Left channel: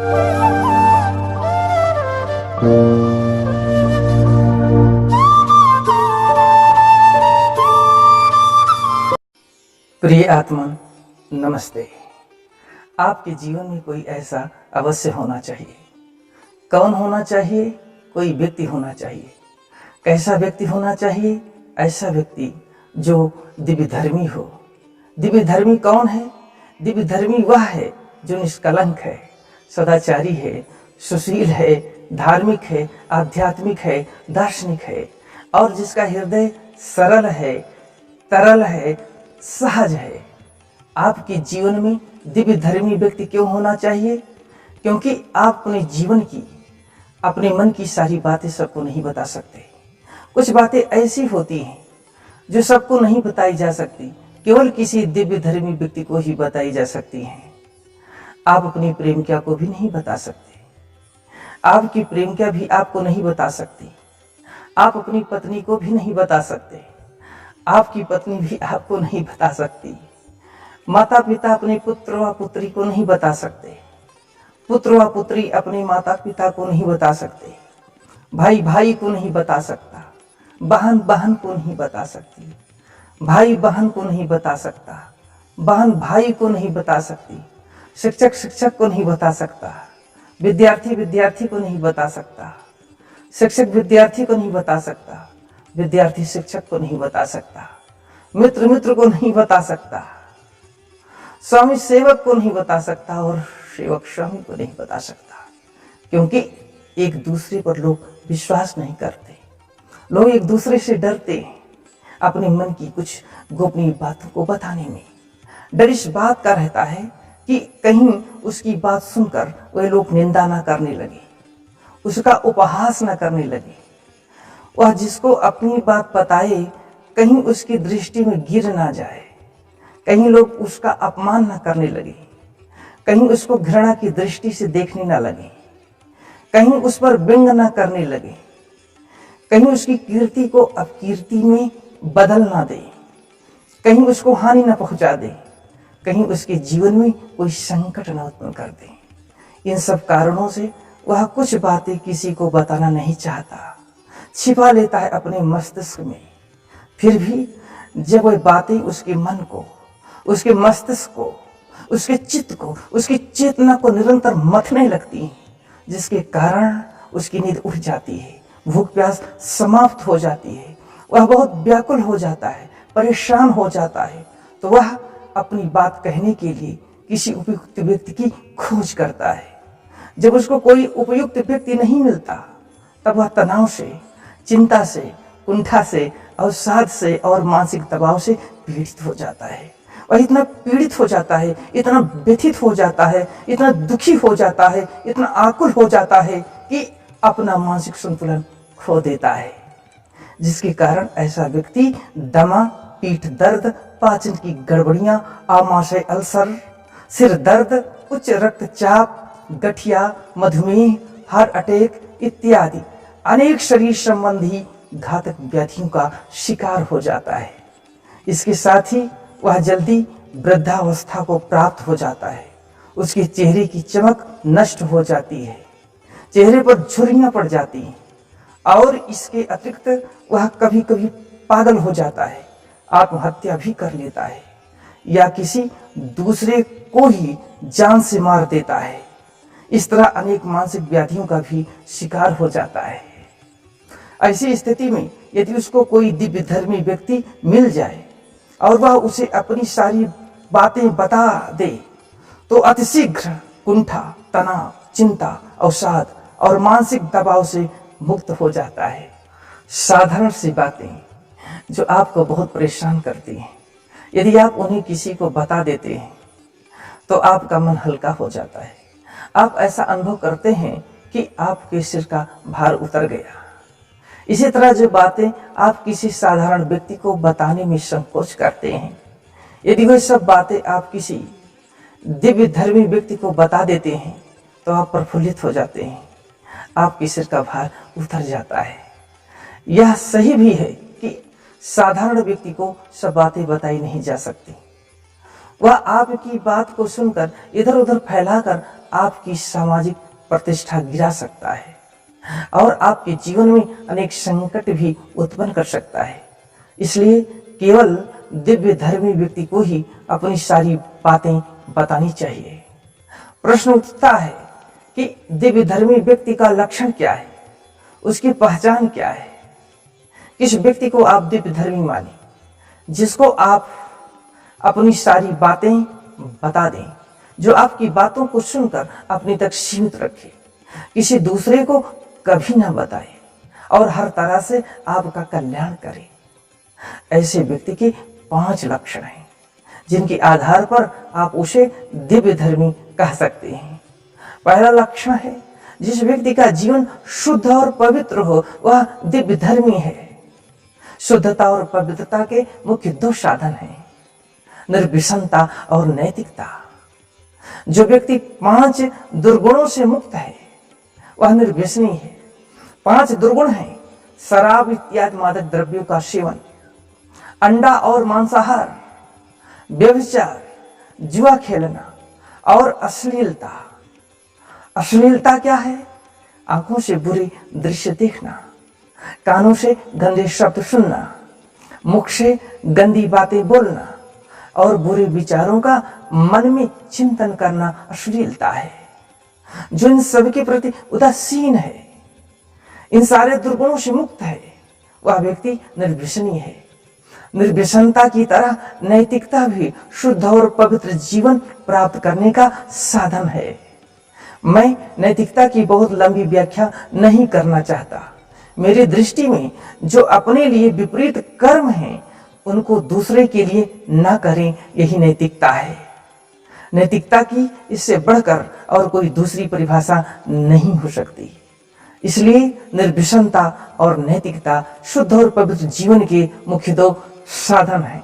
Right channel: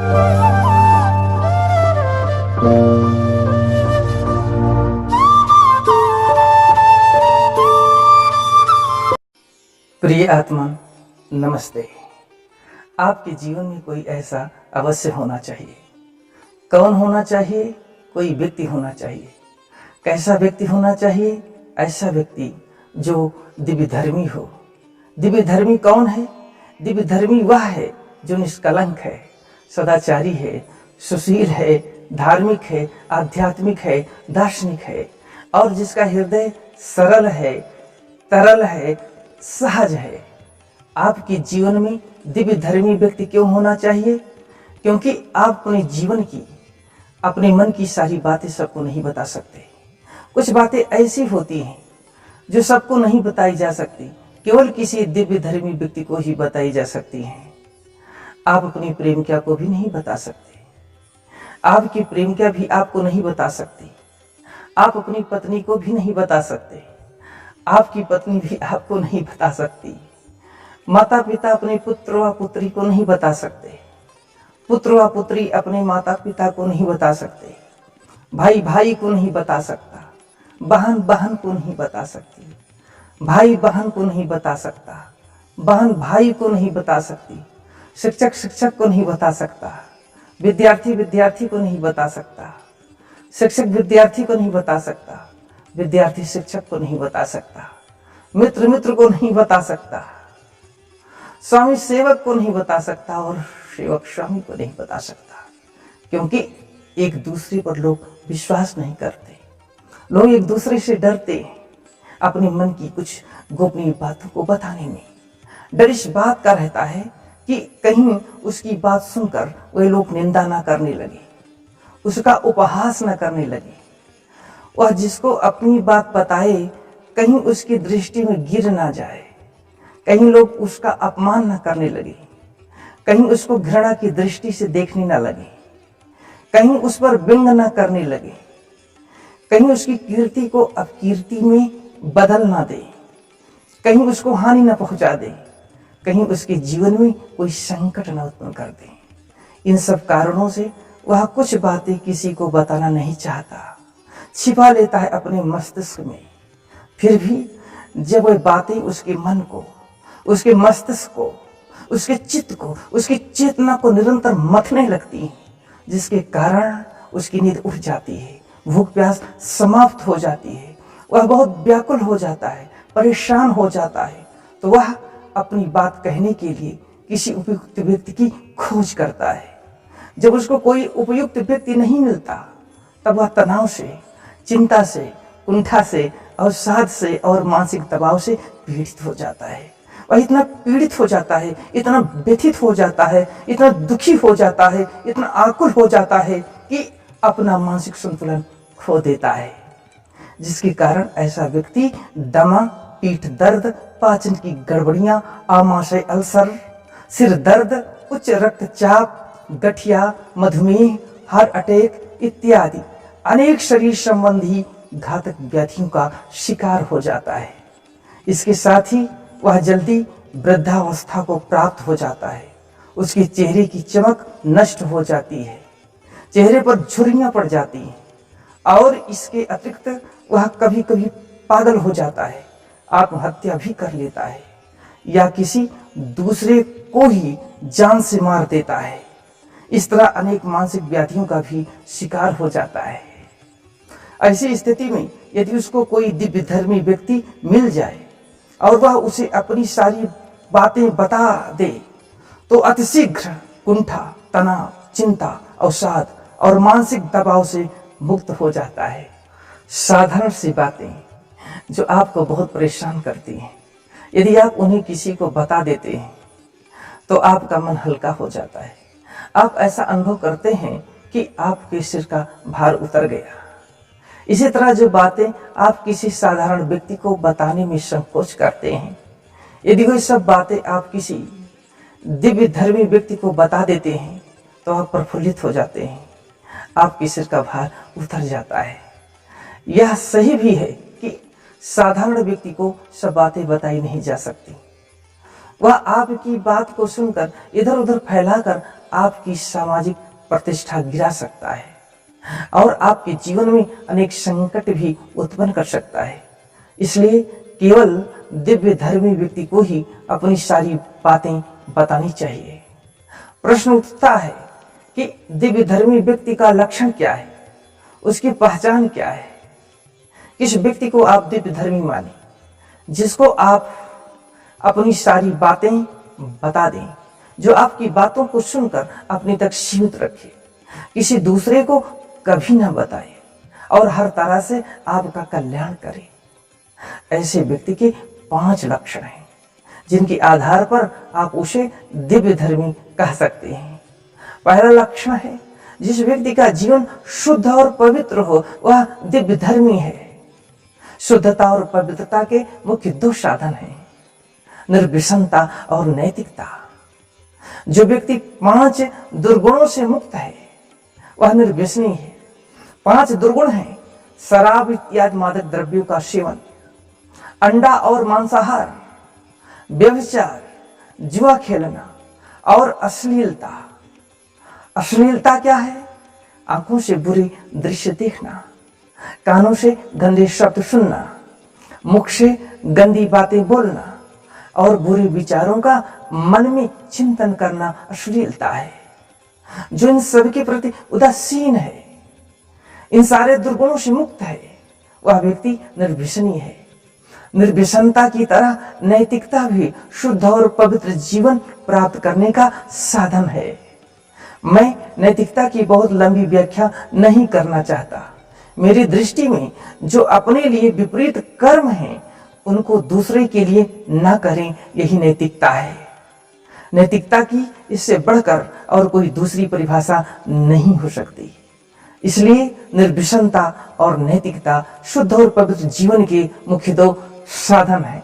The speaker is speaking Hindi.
प्रिय आत्मा, नमस्ते। आपके जीवन में कोई ऐसा अवश्य होना चाहिए। कौन होना चाहिए? कोई व्यक्ति होना चाहिए। कैसा व्यक्ति होना चाहिए? ऐसा व्यक्ति जो दिव्य धर्मी हो। दिव्य धर्मी कौन है? दिव्य धर्मी वह है जो निष्कलंक है, सदाचारी है, सुशील है, धार्मिक है, आध्यात्मिक है, दार्शनिक है और जिसका हृदय सरल है, तरल है, सहज है। आपके जीवन में दिव्य धर्मी व्यक्ति क्यों होना चाहिए? क्योंकि आप अपने जीवन की, अपने मन की सारी बातें सबको नहीं बता सकते। कुछ बातें ऐसी होती हैं जो सबको नहीं बताई जा सकती, केवल किसी दिव्य धर्मी व्यक्ति को ही बताई जा सकती हैं। आप अपनी प्रेमिका को भी नहीं बता सकते, आपकी प्रेमिका भी आपको नहीं बता सकती, आप अपनी पत्नी को भी नहीं बता सकते, आपकी पत्नी भी आपको नहीं बता सकती। माता पिता अपने पुत्र व पुत्री को नहीं बता सकते, पुत्र व पुत्री अपने माता पिता को नहीं बता सकते, भाई भाई को नहीं बता सकता, बहन बहन को नहीं बता सकती, भाई बहन को नहीं बता सकता, बहन भाई को नहीं बता सकती, शिक्षक शिक्षक को नहीं बता सकता, विद्यार्थी विद्यार्थी को नहीं बता सकता, शिक्षक विद्यार्थी को नहीं बता सकता, विद्यार्थी शिक्षक को नहीं बता सकता, मित्र मित्र को नहीं बता सकता, स्वामी सेवक को नहीं बता सकता और सेवक स्वामी को नहीं बता सकता। क्योंकि एक दूसरे पर लोग विश्वास नहीं करते, लोग एक दूसरे से डरते हैं अपने मन की कुछ गोपनीय बातों को बताने में। डर इस बात का रहता है कि कहीं उसकी बात सुनकर वे लोग निंदा ना करने लगे, उसका उपहास न करने लगे। वह जिसको अपनी बात बताए कहीं उसकी दृष्टि में गिर ना जाए, कहीं लोग उसका अपमान न करने लगे, कहीं उसको घृणा की दृष्टि से देखने न लगे, कहीं उस पर व्यंग न करने लगे, कहीं उसकी कीर्ति को अपकीर्ति में बदल ना दे, कहीं उसको हानि न पहुंचा दे, कहीं उसके जीवन में कोई संकट न उत्पन्न कर दे। इन सब कारणों से वह कुछ बातें किसी को बताना नहीं चाहता, छिपा लेता है अपने मस्तिष्क में। फिर भी जब वह बातें उसके मन को, उसके मस्तिष्क को, उसके चित्त को, उसकी चेतना को निरंतर मथने लगती हैं, जिसके कारण उसकी नींद उड़ जाती है, भूख प्यास समाप्त हो जाती है, वह बहुत व्याकुल हो जाता है, परेशान हो जाता है, तो वह अपनी बात कहने के लिए किसी उपयुक्त व्यक्ति की खोज करता है। जब उसको कोई उपयुक्त व्यक्ति नहीं मिलता तब वह तनाव से, चिंता से, कुंठा से, अवसाद से और मानसिक दबाव से पीड़ित हो जाता है। वह इतना पीड़ित हो जाता है, इतना व्यथित हो जाता है, इतना दुखी हो जाता है, इतना आकुल हो जाता है कि अपना मानसिक संतुलन खो देता है, जिसके कारण ऐसा व्यक्ति दमा, पीठ दर्द, पाचन की गड़बड़ियां, आमाशय अल्सर, सिर दर्द, उच्च रक्तचाप, गठिया, मधुमेह, हार्ट अटैक इत्यादि अनेक शरीर संबंधी घातक व्याधियों का शिकार हो जाता है। इसके साथ ही वह जल्दी वृद्धावस्था को प्राप्त हो जाता है, उसके चेहरे की चमक नष्ट हो जाती है, चेहरे पर झुर्रियां पड़ जाती हैं और इसके अतिरिक्त वह कभी कभी पागल हो जाता है, आत्महत्या भी कर लेता है या किसी दूसरे को ही जान से मार देता है। इस तरह अनेक मानसिक व्याधियों का भी शिकार हो जाता है। ऐसी स्थिति में यदि उसको कोई दिव्य धर्मी व्यक्ति मिल जाए और वह उसे अपनी सारी बातें बता दे तो अतिशीघ्र कुंठा, तनाव, चिंता, अवसाद और मानसिक दबाव से मुक्त हो जाता है। साधारण सी बातें जो आपको बहुत परेशान करती हैं, यदि आप उन्हें किसी को बता देते हैं तो आपका मन हल्का हो जाता है। आप ऐसा अनुभव करते हैं कि आपके सिर का भार उतर गया। इसी तरह जो बातें आप किसी साधारण व्यक्ति को बताने में संकोच करते हैं, यदि वह सब बातें आप किसी दिव्य धर्मी व्यक्ति को बता देते हैं तो आप प्रफुल्लित हो जाते हैं, आपके सिर का भार उतर जाता है। यह सही भी है कि साधारण व्यक्ति को सब बातें बताई नहीं जा सकती। वह आपकी बात को सुनकर इधर उधर फैलाकर आपकी सामाजिक प्रतिष्ठा गिरा सकता है और आपके जीवन में अनेक संकट भी उत्पन्न कर सकता है। इसलिए केवल दिव्य धर्मी व्यक्ति को ही अपनी सारी बातें बतानी चाहिए। प्रश्न उठता है कि दिव्य धर्मी व्यक्ति का लक्षण क्या है, उसकी पहचान क्या है। किस व्यक्ति को आप दिव्य धर्मी माने? जिसको आप अपनी सारी बातें बता दें, जो आपकी बातों को सुनकर अपने तक सीमित रखे, किसी दूसरे को कभी ना बताए और हर तरह से आपका कल्याण करे। ऐसे व्यक्ति के 5 लक्षण हैं जिनके आधार पर आप उसे दिव्य धर्मी कह सकते हैं। पहला लक्षण है, जिस व्यक्ति का जीवन शुद्ध और पवित्र हो वह दिव्य धर्मी है। शुद्धता और पवित्रता के मुख्य 2 साधन हैं, निर्व्यसनता और नैतिकता। जो व्यक्ति 5 दुर्गुणों से मुक्त है वह निर्व्यसनी है। 5 दुर्गुण हैं: शराब इत्यादि मादक द्रव्यों का सेवन, अंडा और मांसाहार, व्यभिचार, जुआ खेलना और अश्लीलता। अश्लीलता क्या है? आंखों से बुरी दृश्य देखना, कानों से गंदे शब्द सुनना, मुख से गंदी बातें बोलना और बुरे विचारों का मन में चिंतन करना अश्लीलता है। जो इन सभी के प्रति उदासीन है, इन सारे दुर्गुणों से मुक्त है, वह व्यक्ति निर्व्यसनी है। निर्व्यसनता की तरह नैतिकता भी शुद्ध और पवित्र जीवन प्राप्त करने का साधन है। मैं नैतिकता की बहुत लंबी व्याख्या नहीं करना चाहता। मेरी दृष्टि में जो अपने लिए विपरीत कर्म हैं उनको दूसरे के लिए न करें, यही नैतिकता है। नैतिकता की इससे बढ़कर और कोई दूसरी परिभाषा नहीं हो सकती। इसलिए निर्व्यसनता और नैतिकता शुद्ध और पवित्र जीवन के मुख्य 2 साधन हैं।